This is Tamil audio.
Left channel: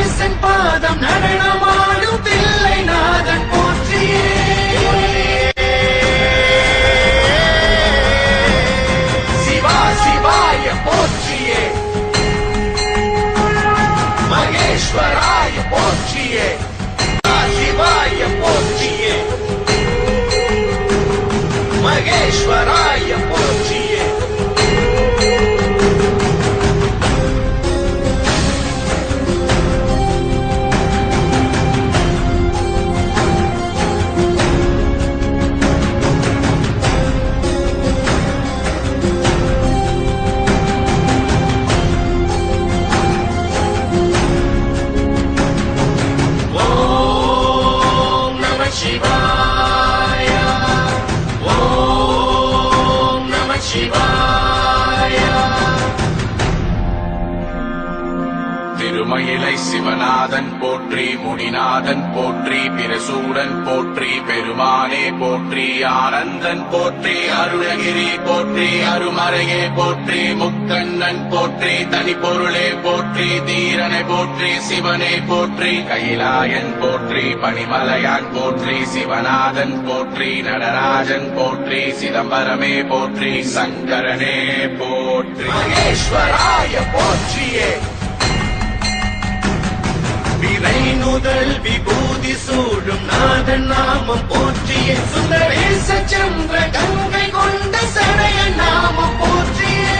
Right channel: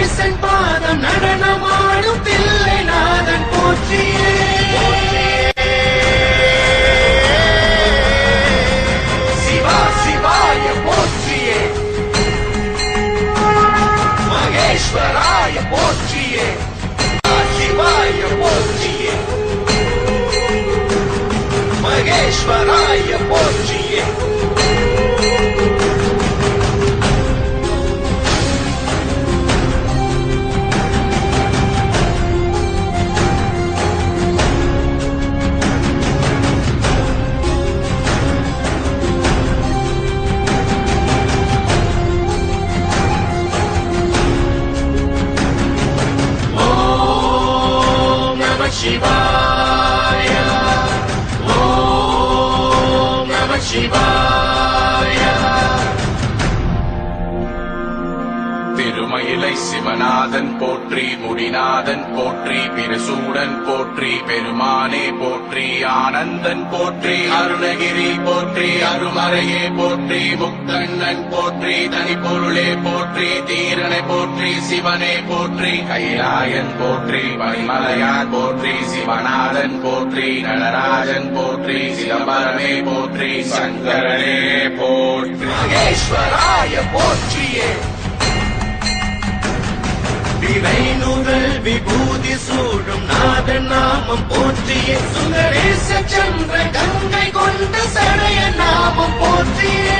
சுந்தரேசன் பாதம் நடனமாடும் தில்லை நாதன் போற்றியே சிவா சிவாய போற்றியே மகேஸ்வராய போற்றியே சிவாய போற்றியே மகேஸ்வராய போற்றியே Shivaya Om Namah Shivaya Thirumayilai Sivanathan போற்றி முடிநாதன் போற்றி பிரசூடன் போற்றி பெருமானே போற்றி ஆனந்தன் போற்றி அருணகிரி போற்றி அருமறையே போற்றி முக்கண்ணன் போற்றி தனிப்பொருளே போற்றி தீரனை போற்றி சிவனே போற்றி கைலாயன் போற்றி பரிமலையான் போற்றி சிவநாதன் போற்றி நடராஜன் போற்றி சிவபரமே போற்றி சங்கரனே போற்றி மகேஸ்வராய போற்றியே விரைநுதல் விபூதி சூழும் நாதன் நாமம் போற்றியே சுந்தரேச சந்திர கங்கை கொண்ட சடைய நாமம் போற்றியே